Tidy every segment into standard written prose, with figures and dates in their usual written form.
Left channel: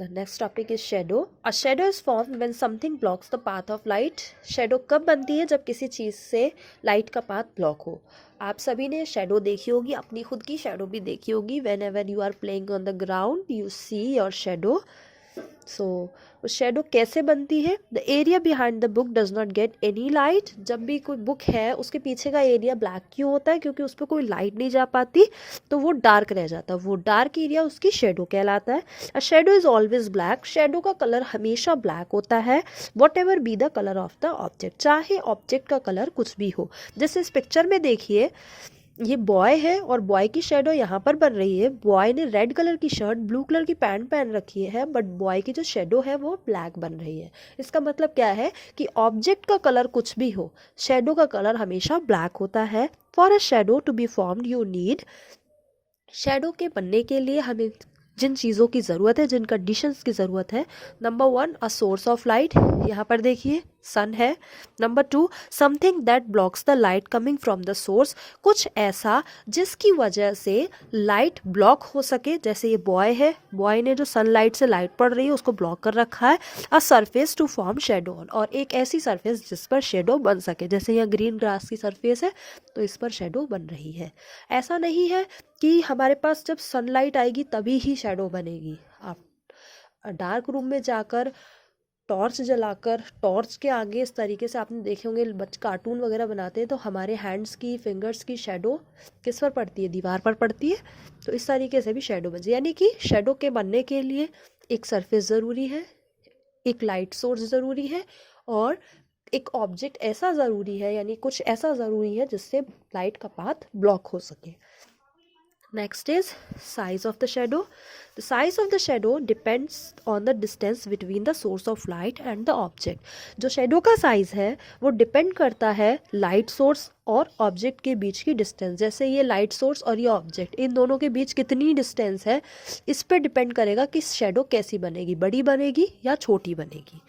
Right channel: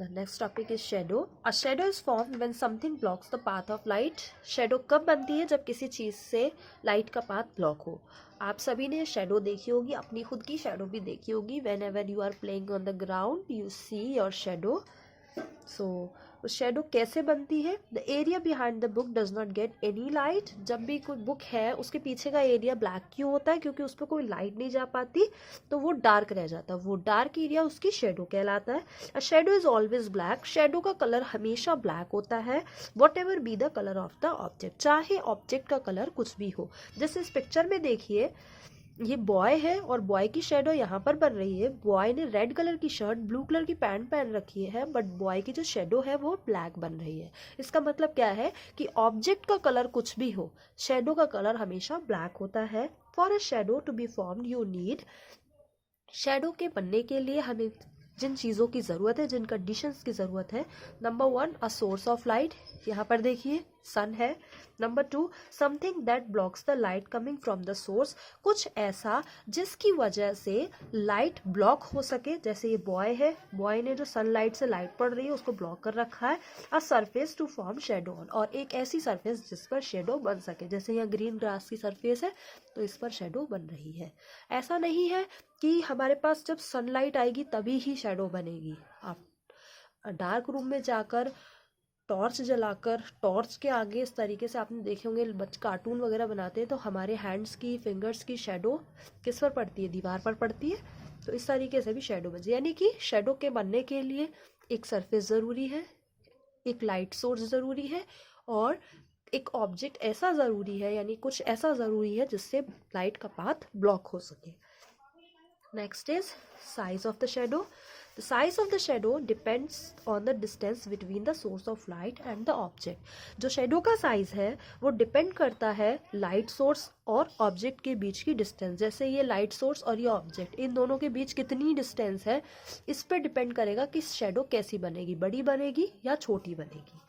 The next topic is shadow. A shadow is formed when something blocks the path of light. Shadow कब बनती है? जब किसी चीज़ से लाइट का पाथ ब्लॉक हो. आप सभी ने शेडो देखी होगी, अपनी खुद की शेडो भी देखी होगी. Whenever you are playing on the ground, you see your shadow. So shadow कैसे बनती है? The area behind the book does not get any light. जब भी कोई बुक है उसके पीछे का एरिया ब्लैक क्यों होता है? क्योंकि उस पर कोई लाइट नहीं जा पाती, तो वो डार्क रह जाता है. वो डार्क एरिया उसकी शेडो कहलाता है. A shadow is always black. Shadow का कलर हमेशा ब्लैक होता है. What ever be the colour of the object, चाहे ऑब्जेक्ट का कलर कुछ भी हो. जैसे इस पिक्चर में देखिए, ये बॉय है और बॉय की शेडो यहाँ पर बन रही है. बॉय ने रेड कलर की शर्ट, ब्लू कलर की पैंट पहन रखी है, बट बॉय की जो शेडो है वो ब्लैक बन रही है. इसका मतलब क्या है कि ऑब्जेक्ट का कलर कुछ भी हो, शेडो का कलर हमेशा ब्लैक होता है. For a shadow to be formed you need, shadow के बनने के लिए हमें जिन चीज़ों की ज़रूरत है, जिन कंडीशंस की ज़रूरत है. Number 1, a source of light. यहाँ पर देखिए सन है. Number 2, something that blocks the light coming from the source. कुछ ऐसा जिसकी वजह से लाइट ब्लॉक हो सके. जैसे ये बॉय है, बॉय ने जो सनलाइट से लाइट पड़ रही है उसको ब्लॉक कर रखा है. A surface to form shadow on, और एक ऐसी सरफेस जिस पर शेडो बन सके. जैसे यहाँ ग्रीन ग्रास की सरफेस है तो इस पर शेडो बन रही है. ऐसा नहीं है कि हमारे पास जब सनलाइट आएगी तभी ही शेडो बनेगी. आप डार्क रूम में जाकर टॉर्च जलाकर, टॉर्च के आगे इस तरीके से आपने देखे होंगे बच्चे कार्टून वगैरह बनाते हैं, तो हमारे हैंड्स की, फिंगर्स की शेडो किस पर पड़ती है? दीवार पर पड़ती है. तो इस तरीके से भी शेडो बनती है. यानी कि शेडो के बनने के लिए एक सरफेस ज़रूरी है, एक लाइट सोर्स ज़रूरी है, और एक ऑब्जेक्ट ऐसा ज़रूरी है, यानी कुछ ऐसा ज़रूरी है जिससे लाइट का पाथ ब्लॉक हो सके. Next is size of the shadow. The size of the shadow depends on the distance between the source of light and the object. जो शेडो का साइज है वो डिपेंड करता है लाइट सोर्स और ऑब्जेक्ट के बीच की डिस्टेंस. जैसे ये लाइट सोर्स और ये ऑब्जेक्ट, इन दोनों के बीच कितनी डिस्टेंस है, इस पर डिपेंड करेगा कि शेडो कैसी बनेगी, बड़ी बनेगी या छोटी बनेगी.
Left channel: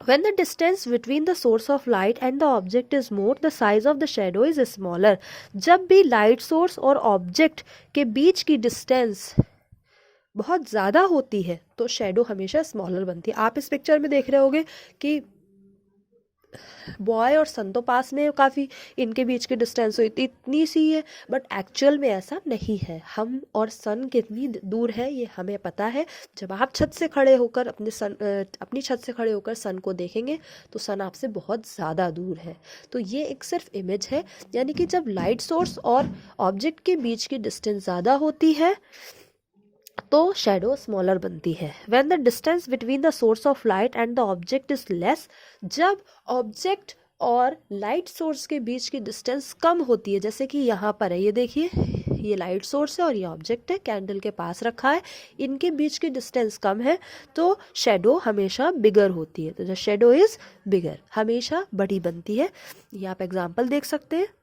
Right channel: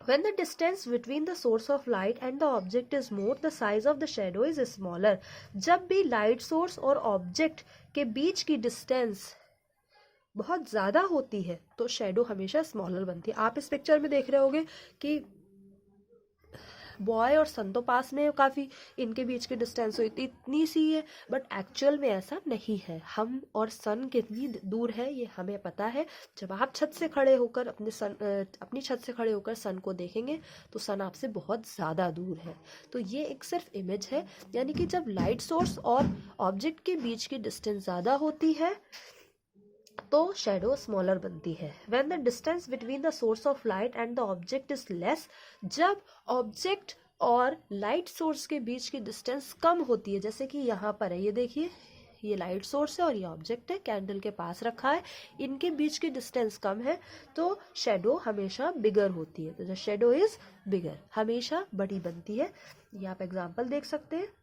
When the distance between the source of light and the object is more, the size of the shadow is smaller. जब भी लाइट सोर्स और ऑब्जेक्ट के बीच की डिस्टेंस बहुत ज़्यादा होती है तो शेडो हमेशा स्मॉलर बनती है. आप इस पिक्चर में देख रहे होंगे कि बॉय और सन तो पास में काफ़ी, इनके बीच की डिस्टेंस इतनी सी है, बट एक्चुअल में ऐसा नहीं है. हम और सन कितनी दूर है ये हमें पता है. जब आप छत से खड़े होकर अपनी छत से खड़े होकर सन को देखेंगे तो सन आपसे बहुत ज़्यादा दूर है. तो ये एक सिर्फ इमेज है. यानी कि जब लाइट सोर्स और ऑब्जेक्ट के बीच की डिस्टेंस ज़्यादा होती है तो शेडो स्मॉलर बनती है. When the distance between the source of light and the object is less, जब ऑब्जेक्ट और लाइट सोर्स के बीच की डिस्टेंस कम होती है, जैसे कि यहाँ पर है, ये देखिए ये लाइट सोर्स है और ये ऑब्जेक्ट है, कैंडल के पास रखा है, इनके बीच की डिस्टेंस कम है, तो शेडो हमेशा बिगर होती है. तो द शेडो इज बिगर, हमेशा बड़ी बनती है. ये आप एग्जाम्पल देख सकते हैं.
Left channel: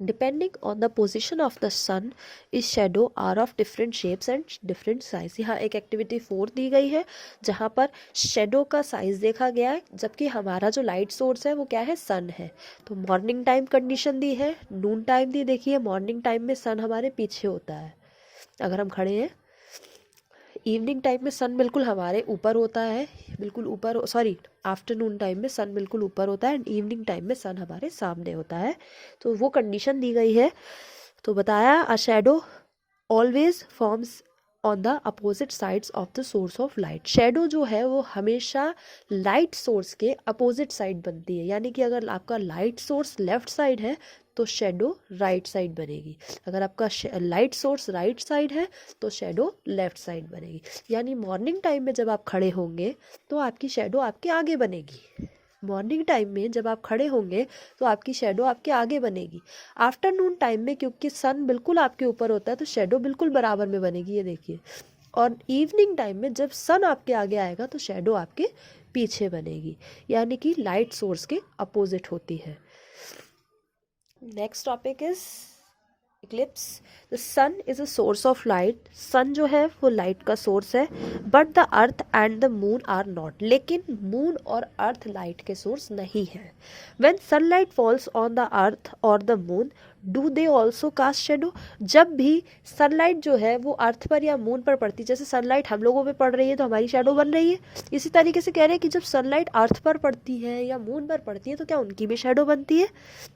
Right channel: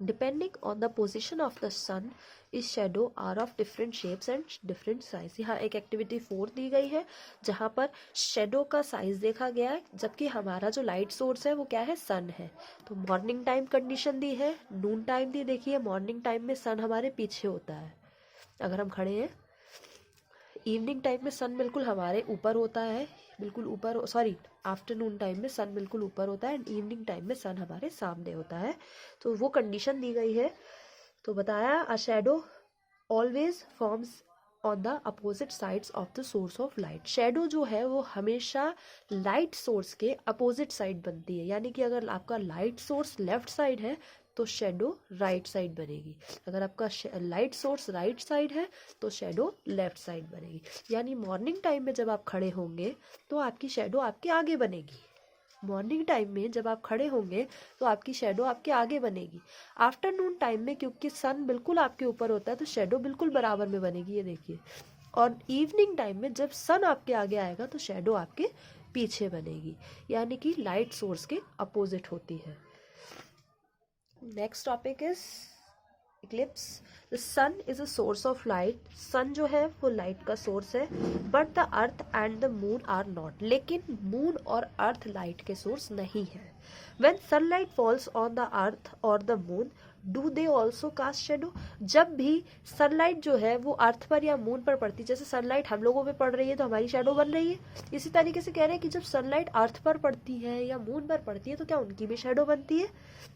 Depending on the position of the sun, its shadow are of different shapes and different size. यहाँ एक एक्टिविटी 4 दी गई है जहाँ पर शेडो का साइज देखा गया है, जबकि हमारा जो लाइट सोर्स है वो क्या है? सन है. तो मॉर्निंग टाइम कंडीशन दी है, नून टाइम दी. देखिए मॉर्निंग टाइम में सन हमारे पीछे होता है अगर हम खड़े हैं. इवनिंग टाइम में सन बिल्कुल हमारे ऊपर होता है, बिल्कुल ऊपर, सॉरी आफ्टरनून टाइम में सन बिल्कुल ऊपर होता है, एंड इवनिंग टाइम में सन हमारे सामने होता है. तो वो कंडीशन दी गई है. तो बताया a shadow always forms on the opposite sides of the source of light. Shadow जो है वो हमेशा लाइट सोर्स के अपोजिट साइड बनती है. यानी कि अगर आपका लाइट सोर्स लेफ्ट साइड है तो शेडो राइट साइड बनेगी. अगर आपका लाइट सोर्स राइट साइड है तो शेडो लेफ्ट साइड बनेगी. यानी मॉर्निंग टाइम में जब आप खड़े होंगे तो आपकी शेडो आपके आगे बनेगी. मॉर्निंग टाइम में जब आप खड़े होंगे तो आपकी शेडो आपके आगे बनेगी. आफ्टरनून टाइम में क्योंकि सन बिल्कुल आपके ऊपर होता है तो शेडो बिल्कुल बराबर में बनेगी, ये देखिए. और इवनिंग टाइम में जब सन आपके आगे आएगा तो शेडो आपके पीछे बनेगी. यानी कि लाइट सोर्स के अपोजिट होती है. Next topic is eclipse. The sun is a source of light. Sun जो है वो लाइट का सोर्स है, but the earth and the moon are not. लेकिन मून और अर्थ लाइट के सोर्स नहीं है. When sunlight falls on the earth और the moon, do they also cast shadow? जब भी सनलाइट जो है वो अर्थ पर या मून पर पड़ती है, जैसे सनलाइट हम लोगों पे पड़ रही है तो हमारी शेडो बन रही है, इसी तरीके से कह रहे हैं कि जब सनलाइट अर्थ पर पड़ती है या मून पर पड़ती है तो क्या उनकी भी शेडो बनती है?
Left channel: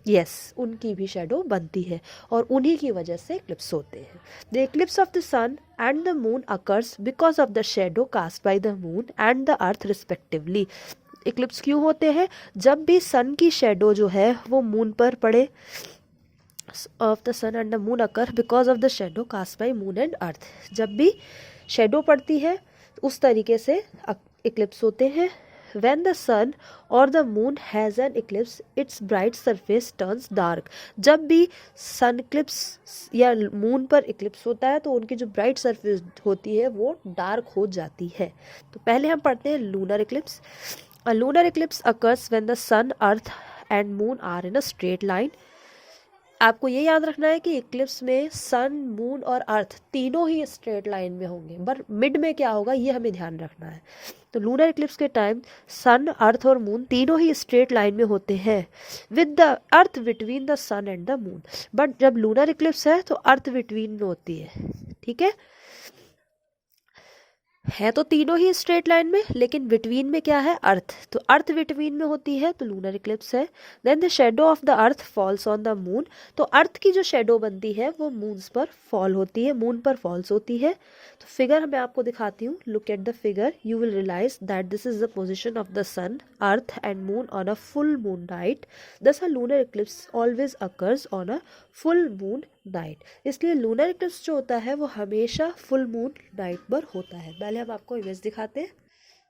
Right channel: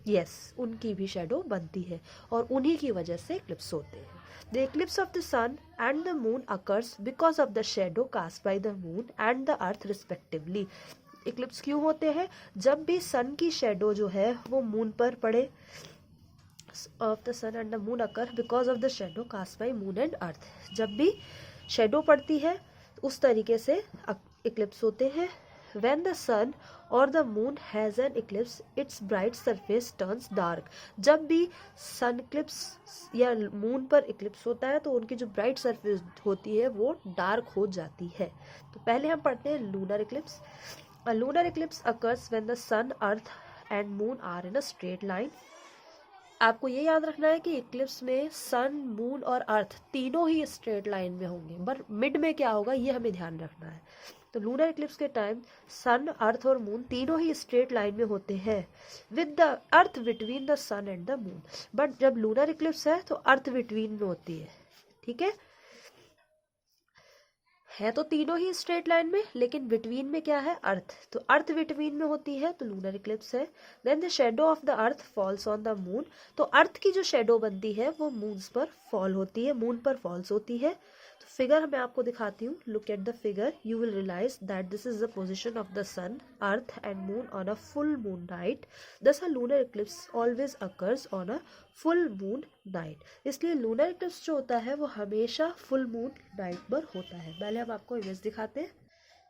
यस, उनकी भी शेडो बनती है और उन्हीं की वजह से इक्लिप्स होते हैं। The eclipse of the sun and the moon occurs because of the shadow cast by the moon and the earth respectively. Eclipse क्यों होते हैं? जब भी सन की शेडो जो है वो मून पर पड़े, of the sun and the moon occur because of the shadow cast by moon and earth. जब भी शेडो पड़ती है उस तरीके से इक्लिप्स होते हैं। व्हेन द सन और the moon has an Eclipse it's bright surface turns dark. जब भी सन इक्लिप्स या मून पर इक्लिप्स होता है तो उनकी जो ब्राइट सरफेस होती है वो डार्क हो जाती है। तो पहले हम पढ़ते हैं lunar Eclipse. A lunar eclipse occurs when the sun, earth and moon are in a straight line. आपको ये याद रखना है कि इक्लिप्स में सन, मून और अर्थ तीनों ही स्ट्रेट लाइन में होंगे, पर मिड में क्या होगा ये हमें ध्यान रखना है। तो लूनर इक्लिप्स के टाइम सन, अर्थ और मून तीनों ही स्ट्रेट लाइन में होते हैं, with the earth between the sun and the moon. But जब लूनर इक्लिप्स है तो अर्थ बिटवीन में होती है, ठीक है तो तीनों ही स्ट्रेट लाइन में, लेकिन बिटवीन में क्या है? अर्थ। तो अर्थ बिटवीन में होती है तो लूनर इक्लिप्स है। Then the shadow of the earth falls on the moon. तो अर्थ की जो शेडो बनती है वो मून्स पर फॉल होती है, मून पर फॉल्स होती है। तो फिगर मैं आपको दिखाती हूँ, look at the figure, you will realise that this is the position of the sun, earth and moon on a full moon night. Thus a lunar eclipse always occurs on a full moon night. इसलिए lunar eclipse जो होता है वो हमेशा full moon night पर होता है। पहले हम आपको इमेज दिखाते हैं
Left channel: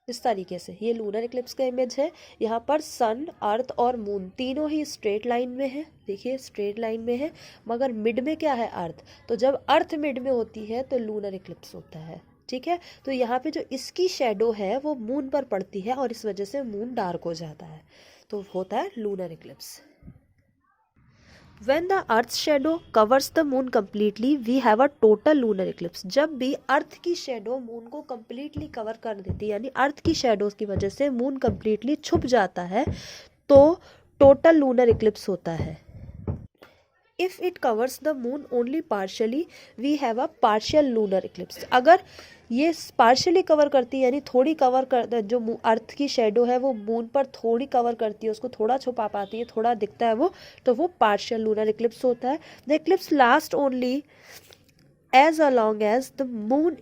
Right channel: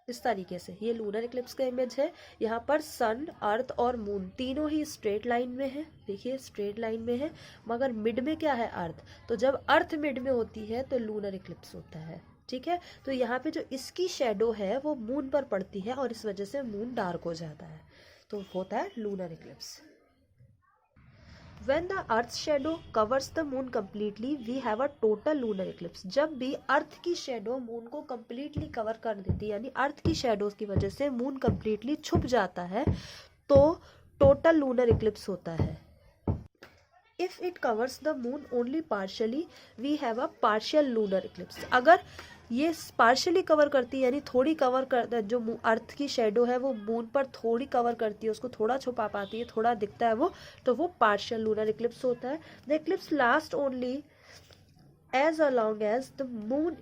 इस तरीके से। ये लूनर इक्लिप्स का इमेज है। यहाँ पर सन, अर्थ और मून तीनों ही स्ट्रेट लाइन में है, देखिए स्ट्रेट लाइन में है, मगर मिड में क्या है? अर्थ। तो जब अर्थ मिड में होती है तो लूनर इक्लिप्स होता है, ठीक है। तो यहाँ पे जो इसकी शेडो है वो मून पर पड़ती है और इस वजह से मून डार्क हो जाता है, तो होता है lunar Eclipse. When the Earth's shadow covers the moon completely, we have a total lunar eclipse. जब भी अर्थ की शेडो मून को completely कवर कर देती है, यानी अर्थ की शेडोज की वजह से मून completely छुप जाता है, तो टोटल लूनर इक्लिप्स होता है। If it covers the moon only partially, we have a partial lunar eclipse. अगर ये पार्शियली कवर करती है, यानी थोड़ी कवर कर, जो अर्थ की शेडो है वो मून पर थोड़ी कवर करती है, उसको थोड़ा छुपा पाती है, थोड़ा दिखता है वो, तो वो पार्शियल लूनर इक्लिप्स होता है। The eclipse last only as along as the moon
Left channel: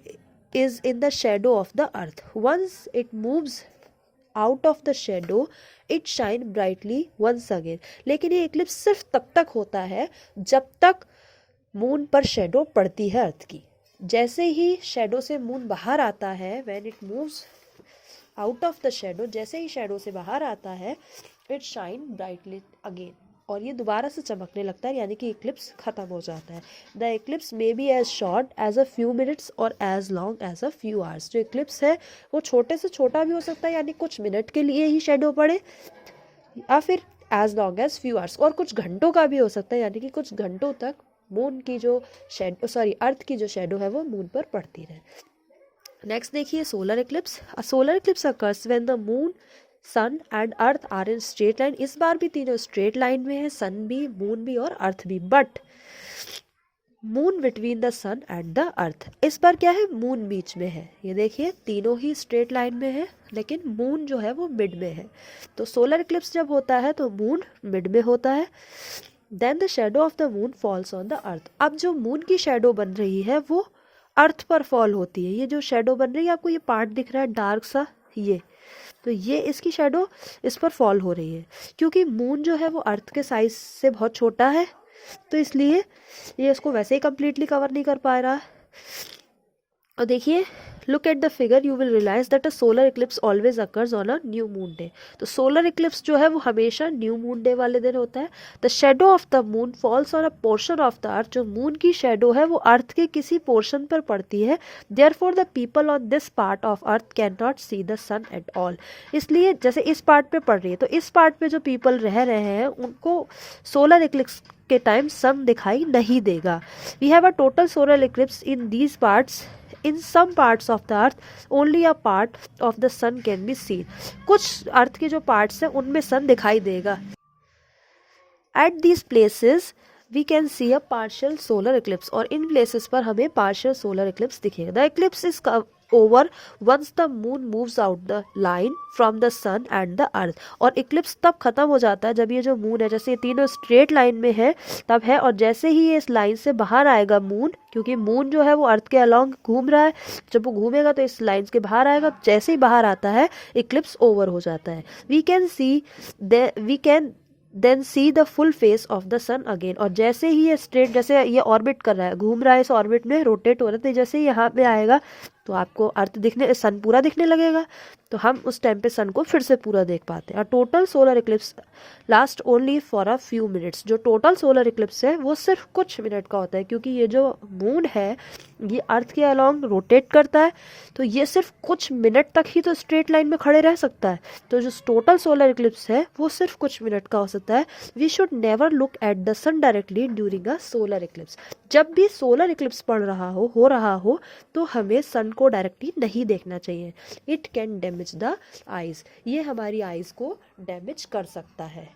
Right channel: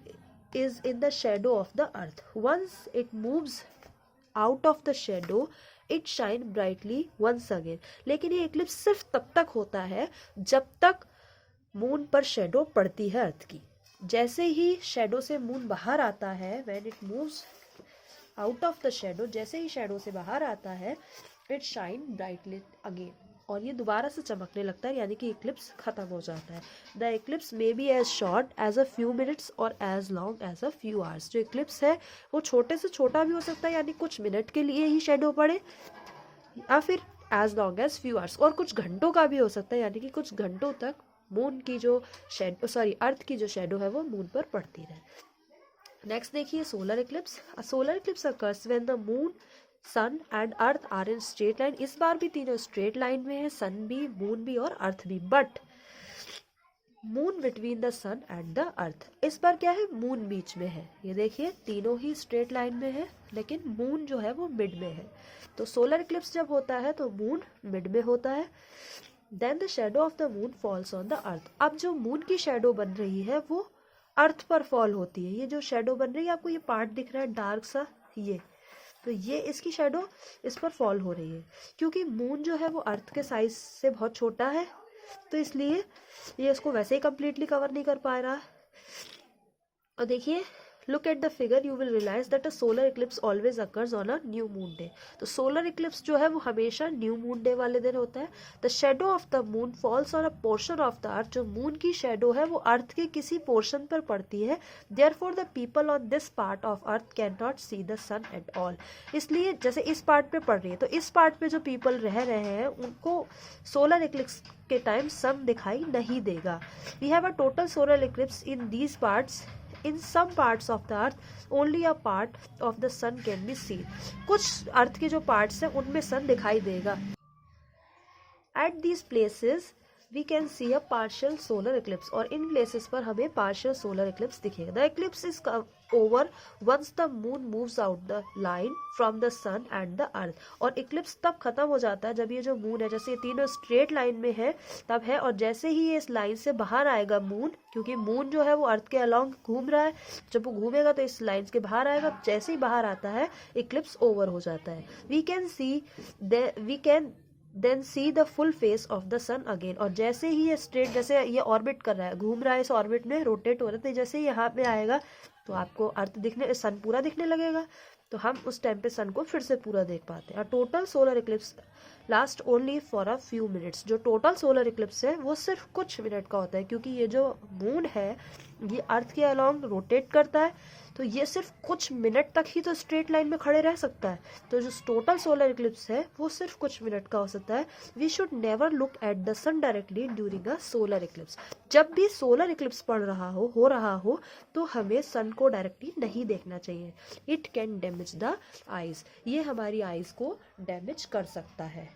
is in the shadow of the earth. Once it moves out of the shadow it shine brightly once again. लेकिन ये Eclipse सिर्फ तब तक होता है जब तक मून पर शेडो पड़ती है अर्थ की। जैसे ही शेडो से मून बाहर आता है, when it moves out of the shadow, जैसे ही शेडो से बाहर आता है, इट शाइन ब्राइटली अगेन, और ये दोबारा से चमकने लगता है, यानी कि इक्लिप्स खत्म हो जाता है। The eclipse may be as short as a few minutes और as long as a few hours. जो इक्लिप्स है वो छोटे से छोटा भी हो सकता है, यानी कुछ मिनट के लिए ही शेडो पड़े, या फिर as long as few hours, और कुछ घंटों का भी हो सकता है, यानी कि कुछ घंटों तक मून की जो अर्थ की जो शेडो है वो मून पर पड़ती रहे। नेक्स्ट देखिए solar eclipse. Solar eclipse occurs when the moon, sun and earth are in straight line. इस बार भी तीनों स्ट्रेट लाइन में है, सन भी, मून भी और अर्थ भी, but moon between the sun and the earth. इस बार क्या है? मून बीच में है। ये देखिए तीनों ही स्ट्रेट लाइन में है, लेकिन मून जो है वो मिड में है। तो सोलर इक्लिप्स जब होता है तो मून मिड में होता है। Then the shadow of the moon falls on the earth. अब जो मून की शेडो बन रही है वो अर्थ पर फॉल होती है। ये जो शेडो बन रही है, आपको ये पार्ट दिख रहा है डार्क सा, ये तो ये इसकी शेडो इस पर फॉल हो रही है, क्योंकि मून जो है वो अर्थ के साइज से बहुत छोटा है, तो इसलिए ये इसको वैसे ही कंप्लीटली कवर नहीं कर पा रहा है। और देखिए look at the figure, you will realise that a solar eclipse always occurs on a new moon day. तो सोलर इक्लिप्स जो है वो हमेशा न्यू मून डे वाले दिन होता है। The shadow of the moon falls on a portion of the अर्थ। जो मून की शेडो है वो अर्थ के किसी पोर्शन पर पड़ती है। Therefore the people on this part of earth can not see the sun at all. इसलिए जैसे इस पार्ट पे पड़ रही है, तो इस पार्ट पे जो पीपल रह रहे हैं उनको सोलर इक्लिप्स के टाइम सन दिखाई नहीं देगा। We have a total solar eclipse in these parts. In some parts of the earth only a part of the sun can be seen. कुछ अर्थ के जो पार्ट्स हैं उनमें सन दिखाई देगा। At these places we can see a partial solar eclipse, और इन places पर हमें पार्शियल सोलर इक्लिप्स दिखेगा। The eclipse is over once the moon moves out the line from the sun and the earth, और eclipse तब खत्म हो जाता है जब ये जो मून है, जैसे ये तीनों स्ट्रेट लाइन में है तब है, और जैसे ही ये इस लाइन से बाहर आएगा मून, क्योंकि मून जो है वो अर्थ के अलोंग घूम रहा है, जब वो घूमेगा तो इस लाइन के बाहर आएगा, जैसे ही बाहर आता है इक्लिप्स ओवर हो जाता है। We can then see the full face of the sun again, और जैसे ही ये स्ट्रेट, जैसे ये ऑर्बिट कर रहा है, घूम रहा है इस ऑर्बिट में, रोटेट हो रहा है, तो जैसे ही यहाँ पे आएगा तो आपको अर्थ दिखने, सन पूरा दिखने लगेगा, तो हम उस टाइम पे सन को फिर से पूरा देख पाते हैं। Total solar Eclipse last only for a few minutes, जो टोटल सोलर इक्लिप्स है वो सिर्फ कुछ मिनट का होता है, क्योंकि ये जो मून है ये अर्थ के अलोंग रोटेट करता है, तो ये सिर्फ कुछ मिनट तक ही तो स्ट्रेट लाइन में खड़े रह सकता है, तो जो टोटल सोलर इक्लिप्स है वो सिर्फ कुछ मिनट का हो सकता है। We should never look at the sun directly during a solar eclipse, जब भी सोलर इक्लिप्स पड़ रहा हो रहा हो तो हमें सन को डायरेक्टली नहीं देखना चाहिए। It can damage the eyes, ये हमारी आइज को डैमेज कर सकता है।